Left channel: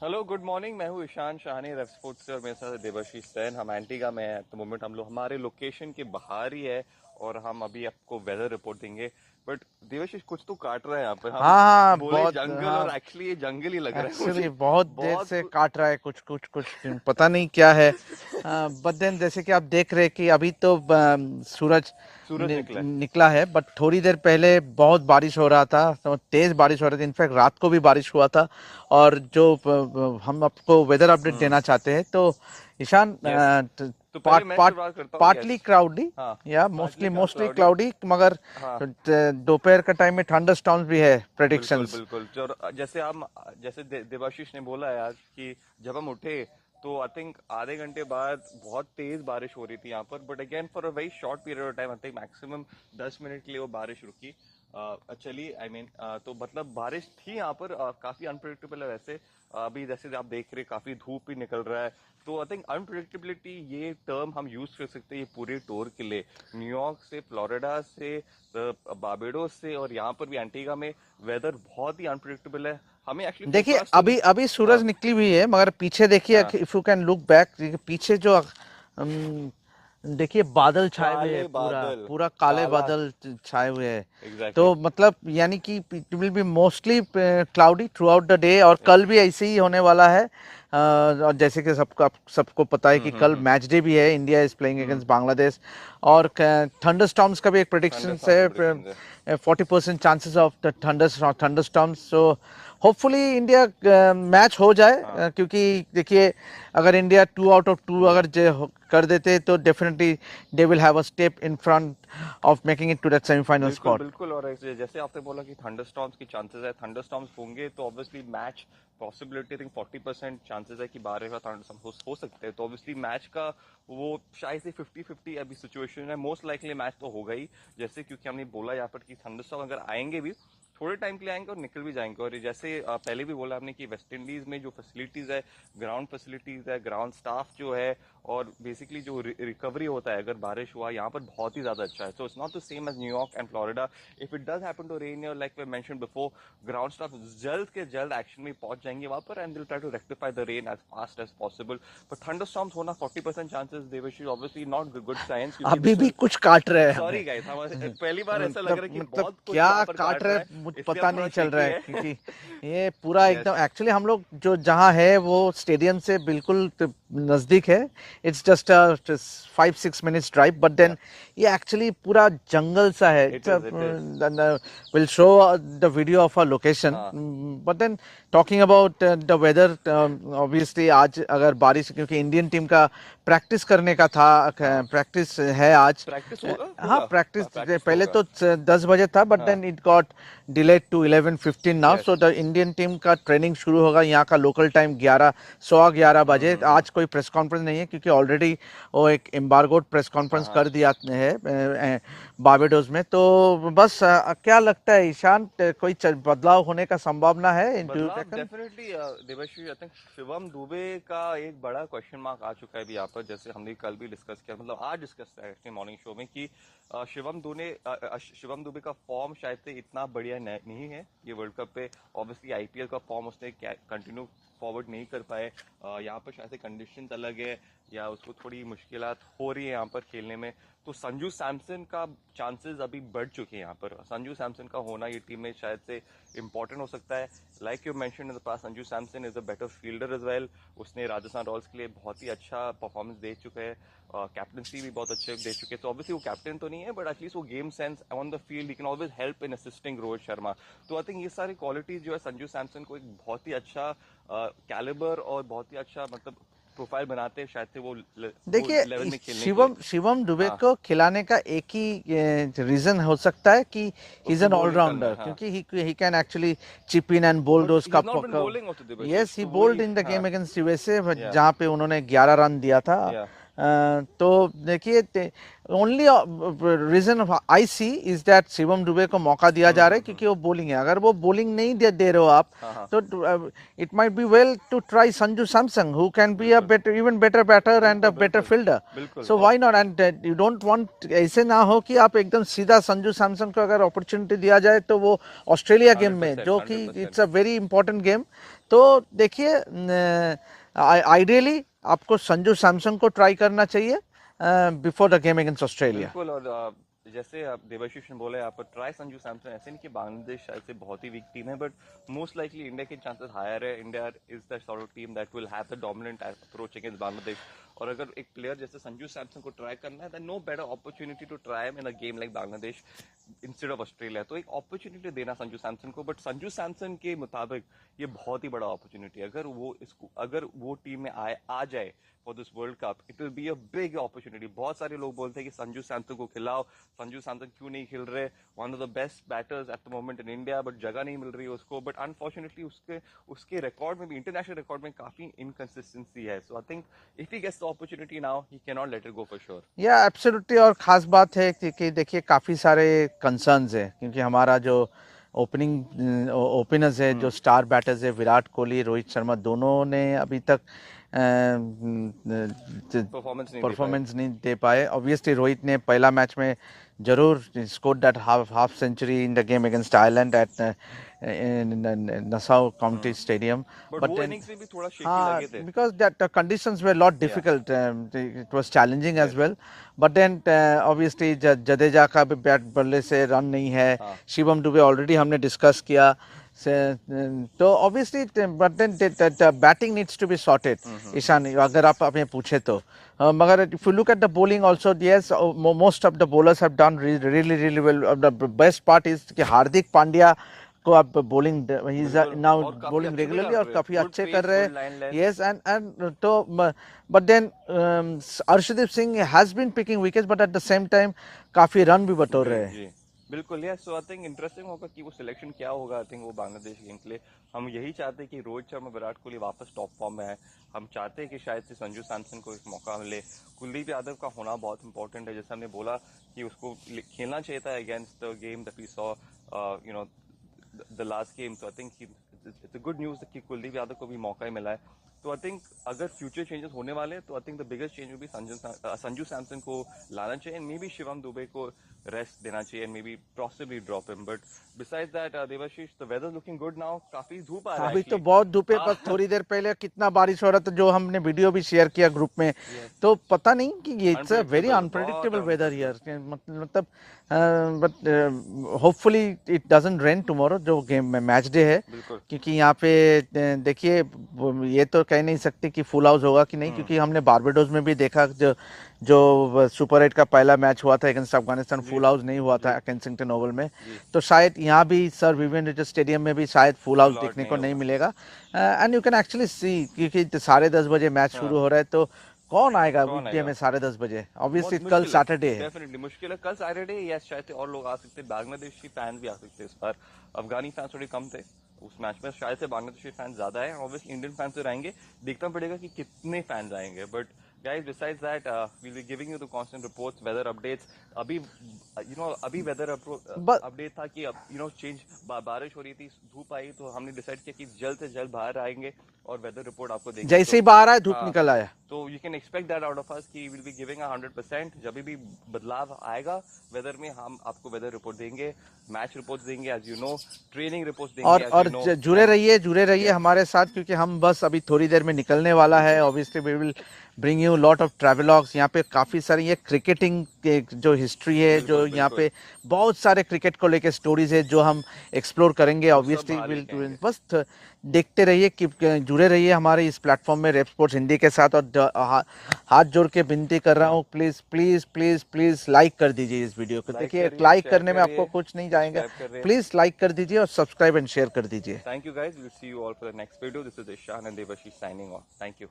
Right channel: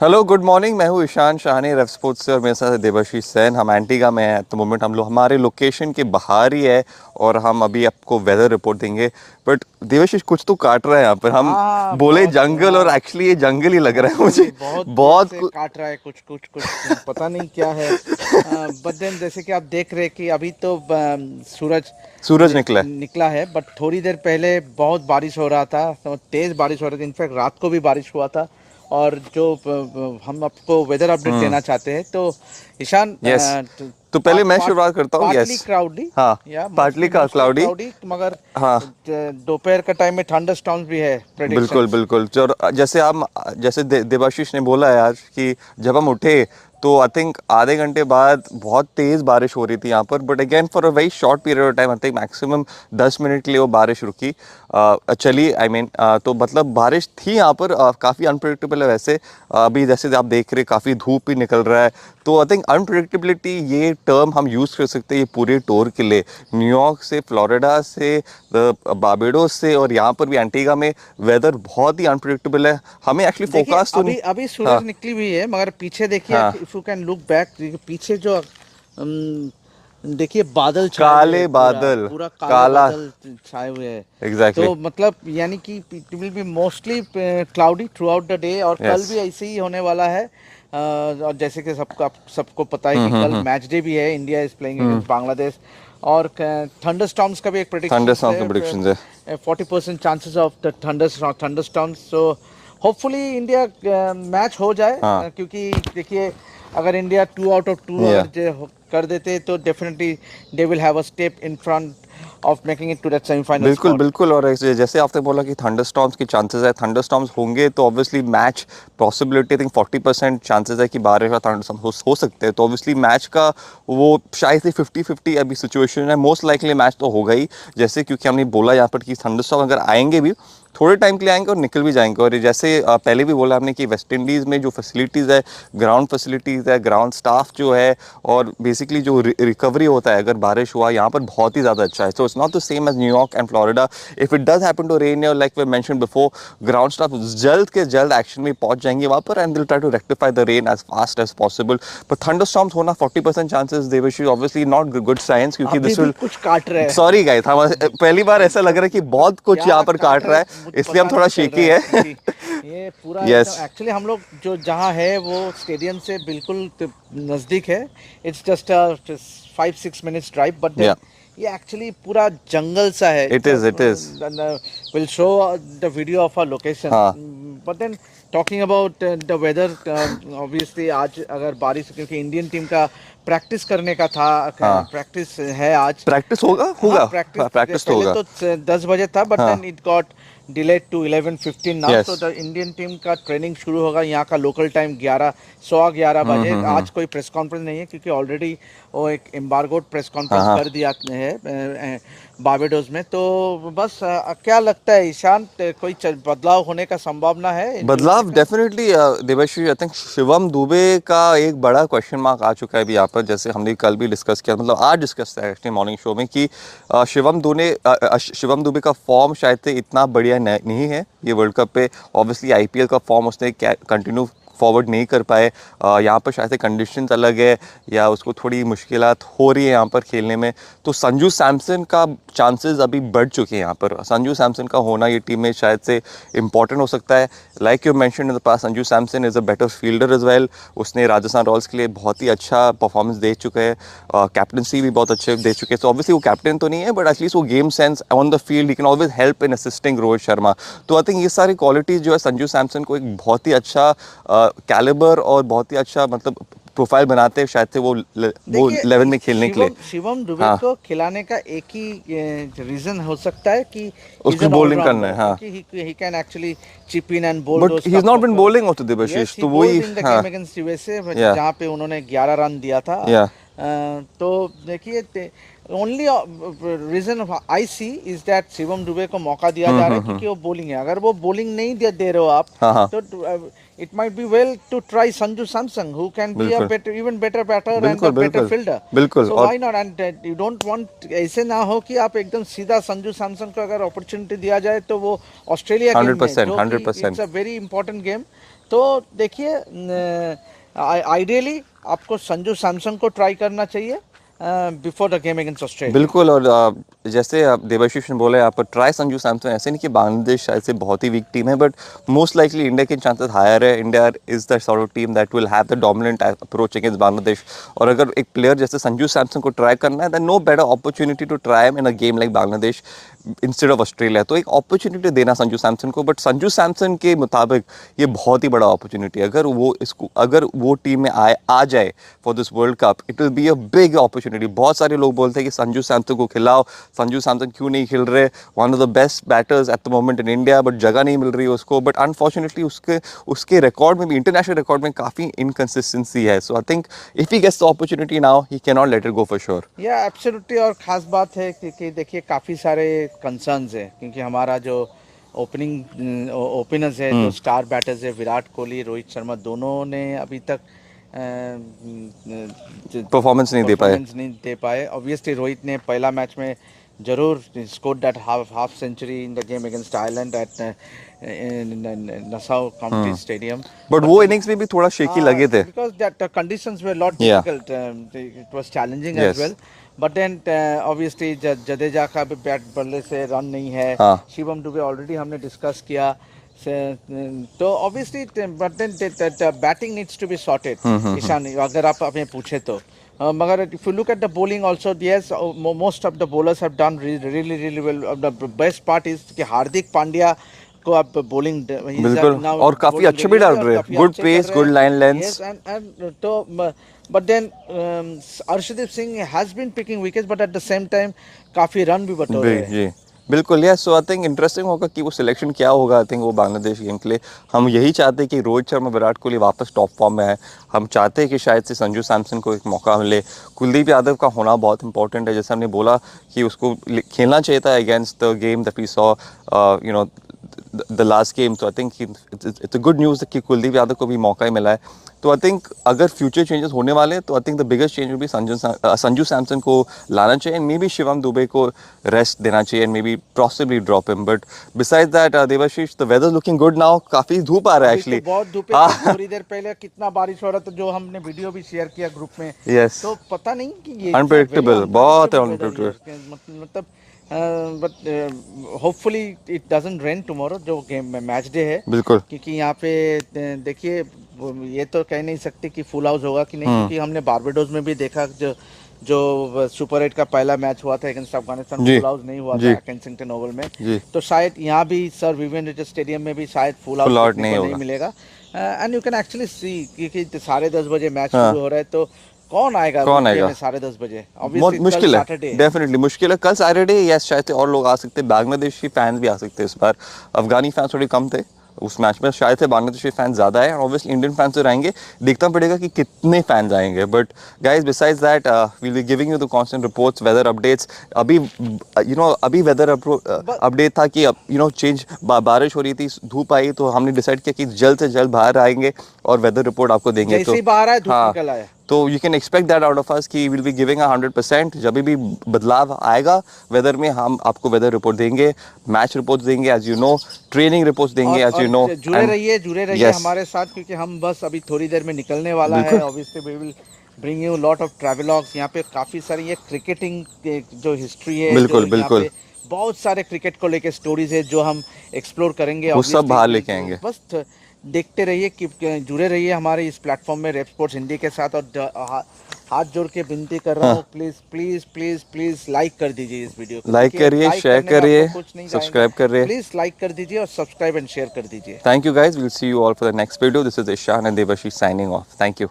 Hello good morning. मैं हूँ ईशान शाहनी रेफ sports से और मेरे साथ है देवाशीष सैन। हम एंटीगा में हैं एट द मोमेंट। हम लोग हमारे लोकेशन के बाहर ही है और हम अभी आपको वेदर रिपोर्ट देंगे। बट देवाशीष कुछ तो काट रहा है यहाँ पर। हम हाँ बोले बहुत जंगल और हाँ एक्चुअली ये जंगल ही लग रहा है एक्चुअली मुझे। बहुत देर बहुत से काट रहा है कुछ कुछ कुछ पता नहीं क्या है। बट देन जैसे कि आप देख रहे हैं कि अभी तो सूरज सूरज निकला है। निकला है, बट थोड़ी देर पहले बहुत बारिश हो रहा था, तो तेज बारिश हो रही थी। इनफैक्ट रात को भी बारिश हुआ था। और जो हम आपको वेदर अपडेट देना चाहते हैं, तो ईशान, यस, तो पहले मैं शुरुआत करता हूँ। पार्टली यस, क्लाउडी हाँ, या पार्टली मोस्टली का मोस्टली क्लाउडी। क्लाउडी, मगर हाँ, दोपहर के टाइम में थंडर स्टॉर्म्स भी है बिल्कुल प्रेडिक्शंस। बिल्कुल। जो जैसे हम जैसे देवाशीष ने बोला है आज कि जब हम उठे तो आई थिंक आधे घंटे बाद बहुत तेज़ बारिश हो रही थी यहाँ पर। But again for a very short period of time, I think maximum 10 minute के लिए वो बारिश रुकी, चली। आई मीन तो मतलब बारिश थी यहाँ पर। काफ़ी अनप्रिडिक्टेबल है वैसे। अभी जैसे आप देख रहे काफ़ी धूप भी निकल रहा है। तो आई थिंक अनप्रिडिक्टेबिलिटी ये टर्म हम यूज़ कर सकते हैं ये पूरे टूर के लिए। न्यूयॉर्क से, फ्लोरिडा से, बारबाडोस से और यहाँ पर भी एंटीगा में वेदर बहुत ही अनप्रिडिक्टेबल है। हमें एक्चुअली देखिए, फोकास तो नहीं। अभी अभी सूरज हाँ, निकली हुई है, मगर पीछे देखिए, हाँ, if you can look back, पीछे जो देखिए बादल छाए हुए हैं, काले पूरा बादल, पूरा काले काला। बादल छाए हुए हैं। एग्जैक्टली। तो मतलब यानी कि it will be mostly cloudy through out the day, और कल यस। भी ऐसे ही होने वाला है। और जैसे कि सबको पता है कि कल मैच डे भी है, India is playing against Bangladesh. और थंडर स्टॉर्म्स का भी एक थंडर प्रेडिक्शन स्टॉर्म के प्रेडिक्शंस है। है, 40% chances of the thunder storms. So hopefully India match हो जाए, हाँ, क्योंकि देखिए, अगर इंडिया 2 आउट ऑफ 2 या अगर कर देते, तो definitely they will have a step in front of making it to that semifinal बिल्कुल स्पॉट। बिल्कुल। और जैसे आपने बोला कि थंडरस्टॉर्म्स की चांसेस है, थंडरस्टॉर्म्स होंगे तो obviously match possibility I think 40% chances है कि बारिश का थंडरस्टॉर्म हो सकते हैं। तो ऑब्वियसली मैच का वो शायद से 50-50 अभी सिचुएशन है। मोस्ट लाइकली मैच तो होगा ही, जैसे क्योंकि हमने बोला यहाँ पर कि थंडरस्टॉर्म अगर आएंगे भी थोड़े टाइम के लिए आएंगे और निकल भी जाएंगे। और जैसे पहले भी बोला हमने कि वेस्ट इंडीज़ में जो फैसिलिटीज़ है, ग्राउंड फैसिलिटीज़ है, ग्राउंड स्टाफ जो है, और बेसिकली जो रिकवरी होता है अगर बारिश हुआ यहाँ पर बहुत ही ज़्यादा अच्छा है। So it's not the same as New York and Florida. If it does happen to rain like we mention before, ground staff जल्द के जल्द एक्शन में पहुंच जाएंगे वहाँ पर and will try to rectify the rain as fast as possible. पर thunderstorms होना 40% चांसेस देवशी ऑब्वियसली नॉट गुड साइंस, क्योंकि अभी दिस भी विल। कुछ काट रहे हैं। सॉरी गाइस, हम पहली बार ऐसा लग रहा है कि बहुत कुछ क्या यहाँ पर काट काट रहे रहा है, मुझे इसलिए हम पता थोड़ा नहीं चल रहा शेकी है, है। क्योंकि ये पूरा यस। एकदम, एक्चुअली हम लोग जो जहाँ है वो स्टेडियम से बिल्कुल नज़दीक है। It's just 5-6 minutes drive, but yeah, then ये एक्चुअली पूरा जंगल सा है। It is, it is. Will show the video of a location. हाँ, but then talking about the weather, obviously आज अगर बारिश, क्योंकि इंडियन टीम का प्रैक्टिस करने का था, हाँ, प्रैक्टिस है आज। प्रैक्टिस होगा, हाँ, होगा। प्रैक्टिस प्रैक्टिस तो पहले होगा। तो 10 बजे था, बट हाँ, then it got delayed to 11:15 now. Yes. So the Indian team का ट्रेनिंग शुरू होगा यहाँ का लोकल टाइम 11 11 बजे। आज कोई प्रेस कॉन्फ्रेंस नहीं है, क्योंकि ऑलरेडी वो एक एम्बार्गोड प्रेस हाँ, कॉन्फ्रेंस हाँ। कर दिया है बारबाडोस में। तो बस क्या लगता है ईशान, कोई बदलाव होने का संभावना है इन फ्यूचर बदलाव का? Definitely Devashree. I think Shivam Dube का एक बड़ा क्वेश्चन मार्क आ चुका है अभी यहाँ पर। जैसे हमने कल भी डिस्कस किया, मतलब आज डिस्कस किया एक्चुअली मॉर्निंग शो में, कि शिवम दुबे का फॉर्म शायद से इतना बढ़िया नहीं है ये वर्ल्ड कप पे। ऑब्वियसली आईपीएल का फॉर्म उसने कंटिन्यू फॉरवर्ड नहीं कर पाए। यहाँ पर शायद से कंडीशंस अलग है या उसको थोड़ी मुश्किलात हो रही है यहाँ पर खेलने में। तो संजू सैमसन का चांसेस अभी बढ़ चुके हैं यहाँ पर। संजू सैमसन का होना ये टीम में शायद से इंपॉर्टेंट हो सकता है। Like you mention in the past, Sanju Samson is a better fielder as well. उसने राजस्थान रॉयल्स के लिए बहुत ही अच्छा परफॉर्मेंस दे चुके हैं, कैप्टनसी भी बहुत अच्छे दे चुके हैं। तो ऑब्वियसली वो कैप्टन तो नहीं है, बट एटलीस्ट वो game sense on the field he can always help in assisting Rohit Sharma. तो आई थिंक ये सारी क्वालिटीज़ जो है संजू सैमसन को एक बहुत ही अच्छा कैलिबर और बहुत ही अच्छा मतलब प्रोफाइल बनाते हैं शायद से वो देखिए, 11 में खेलने के लिए। शिवम दुबे हाँ, को खिलाने का एक ही रीजन हो सकता है कि इज उसको एन बॉलिंग करना है। ऑलराउंडर, हाँ, क्योंकि he can actually chip in and bowled but he उसका is not been bowling also yes, Devashish, ही तो वही। बोल्ड इन द हाँ, गेम अगेंस्ट यूएसए, या, जहां पे उन्होंने 11 रन दिया था। या, तो देखिए, only reason I see is that Shivam Dube को मौका दिया जा रहा है, क्योंकि वो बॉलिंग है। अगर वो बॉलिंग नहीं दे रहे हो आप, हाँ, हाँ, तो it might be well to try Sanju Samson, who can be a बिल्कुल better, even better batter and a बिल्कुल बेटर बिल्कुल फील्डर। बिल्कुल। सो और why not? And you don't want, ऐसे ना हो कि आप एकदम सीधा संजू सैमसन को अगर अपॉर्चुनिटी दिया जाए, तो वो ऑस्ट्रेलिया गेम में, 100%, जो कि 100%। It's a very important game, तो देखिए आइडियली आपको संजू सैमसन को ट्राई करना चाहिए before the game against Australia. बिल्कुल। और जैसे आप देवाशीष ने बोला यहाँ पर ट्राई संजू सैमसन, ऐसे नहीं कि बांग्लादेश शायद से बहुत ही वीक टीम है, बट मोस्ट लाइकली इंडिया के चांसेस हायर है। India is the sort of team that will have the dominant approach against Bangladesh. और अगर एक प्लेयर जैसे संजू सैमसन को ट्राई करना है, than no better opportunity to try in a game like Bangladesh instead of Australia. तो एक अपॉर्चुनिटी देना संजू सैमसन को, बट संजू सैमसन के मुताबिक ये बहुत ही बड़ा अपॉर्चुनिटी है। अगर वो टीम में आ जाए for this world cup, it will be a big opportunity. बहुत सारे लोग बोलते हैं कि संजू सैमसन को खिलाओ, संजू सैमसन क्यों नहीं खेल रहे, one of the best batters at the moment in India, but जगह नहीं मिल रही है उसको। बट अनफॉर्चुनेटली उसके रिकॉर्ड में भी, इंटरनेशनल रिकॉर्ड में काफ़ी इनकन्सिस्टेंसी है। So I think if he gets the opportunity now, he can not let it go for sure. Yeah absolutely. और ख़ास बात है कि देखिए काफ़ी सारे कंसर्न्स हैं, क्योंकि हमारा जो ओपनिंग ओपनर्स है, जो स्टार बैटर्स है, विराट कोहली, रोहित शर्मा, दोनों ने अभी तक परफॉर्मेंस नहीं दे पाए। ऑब्वियसली रोहित ने पहला मैच में जरूर scored that half century in the game against Ireland at Nassau County Stadium. But वो innings में भी थोड़ा shaky लगे थे. Because that the conditions were a lot difficult. It was challenging as well. But then obviously Jadeja का भी bat बल्ले से रन नहीं है. शिवम दुबे ऑलरेडी हमने डिस्कस किया. तो obviously but then the batting needs to be sorted. Ishan, अगर आप हमें पूछे तो. मगर if you look at the bowling also, yes, most of the bowlers have done really well. The best part is कि हार्दिक पांड्या को आप बॉलिंग बिल्कुल और काफी अच्छे भी डाल रहे हैं, good pace, good line length. Yes and तो but then Arshdeep Singh has been picking wickets, but at the same time काफी रन भी बटोर रहे हैं। जी बिल्कुल। Yes, so I think interesting होगा कि वो सिलेक्शन क्या होगा। आई थिंक वो बांग्लादेश गेम के लिए हम यही चाहते हैं कि रोहित शर्मा, विराट कोहली वापस टॉप फॉर्म में है। हम चाहते हैं कि शायद से संजू सैमसन को एक मौका मिले। कुलदीप यादव का होना बहुत इंपॉर्टेंट है, जैसे हमने बोला कि उसको खेलना चाहिए था against the game that we saw you know the last game. So I think it's a good news कि कुलदीप यादव को भी मौका ही मिला है। तो आई थिंक अगर फ्यूचर चेंजेस होने वाले हैं तो I think the biggest change will be Sanju Samson को लाना चाहिए, मे बी शिवम दुबे को रेस्ट देना चाहिए, and may be possibly drop him. But besides that Devashish, the weather looking good now. काफी धूप आ रहा है एक्चुअली, बहुत धूप है। थोड़ी देर पहले कितना बारिश हो रहा था, जो हमने वीडियो भी शेयर किया ग्रुप में। यस, तो पता नहीं कि ये अनप्रेडिक्टेबल, बहुत अनप्रेडिक्टेबल। मतलब but hopefully it doesn't rain tomorrow, जो गेम में मैच डे है। बिल्कुल, क्योंकि यहाँ पे देखिए ये तो कह नहीं सकती कि फुल हाउस होगा कि नहीं, क्योंकि हमने बारबाडोस में भी देखा जो सुपर 8 का पहला मैच हुआ था अगेंस्ट अफगानिस्तान, फुल हाउस नहीं हुआ था केंसिंगटन ओवल में। तो शायद यहाँ भी सर विवियन रिचर्ड स्टेडियम में भी शायद फुल हाउस नहीं मिलेगा। And you can actually see, क्योंकि 10:30 बजे मैच शुरू हो रहा है, तो कौन आएगा 10:30 बजे? मुश्किल है, डेफिनेटली मुश्किल है। कल सैटरडे, यस, शायद और लोग आ सकते हैं, बांग्लादेशी फैंस भी आ सकते हैं इस बार। अफगानी फैंस थोड़े कम थे उस मैच में, शायद से बांग्लादेशी फैंस ज़्यादा है। ऑब्वियसली इंडियन फैंस तो रहेंगे, देखना पड़ेगा कि कितने फैंस आएंगे। But guys, besides that we will be giving you the constant reports, weather updates. अभी अभी वेदर अपडेट था कि चेंज, बारिश हो रही थी, धूप आई, तो हमने डिसाइड किया कि जल्द से जल्द बाहर आएंगे और वेदर रिपोर्ट आपको देंगे। जैसे ही बाहर आए, धूप निकल आया, तो you can expect that out of us कि विल बी गिविंग 100%। जब भी बदलाव आएगा वेदर में, हम आपको वेदर रिपोर्ट देंगे, मैच रिपोर्ट्स देंगे, as you know, training reports देंगे, एज यू नो। जुड़े रहिए हमारे साथ, क्योंकि हम बस अभी थोड़ी देर में निकलने वाला है। Obviously we will bring you lot of travelogues. यहाँ पे काफी सारी ये क्रिकेटिंग जो हिस्ट्री है, बिल्कुल बिल्कुल, बहुत सारे क्रिकेट को लेके स्टोरीज है जो हम एक्सप्लोर करेंगे, वो सब बाहर लेके आएंगे। बस देखते रहिए, कि जुड़े रहिए हमारे इस प्लेटफॉर्म में, रेप स्पोर्ट्स हिंदी के साथ। और हाथ जोड़ के विनती कर रहा हूँ, please please please please like कर दीजिए इस वीडियो को, लाइक करिए, शेयर करिए, सब्सक्राइब करिए, प्लीज लाइक कर दीजिए और सब्सक्राइब एंड शेयर कर दीजिए। Thank you guys, will see you all for the next video. This is Ishan and Devashish signing off. Thank you.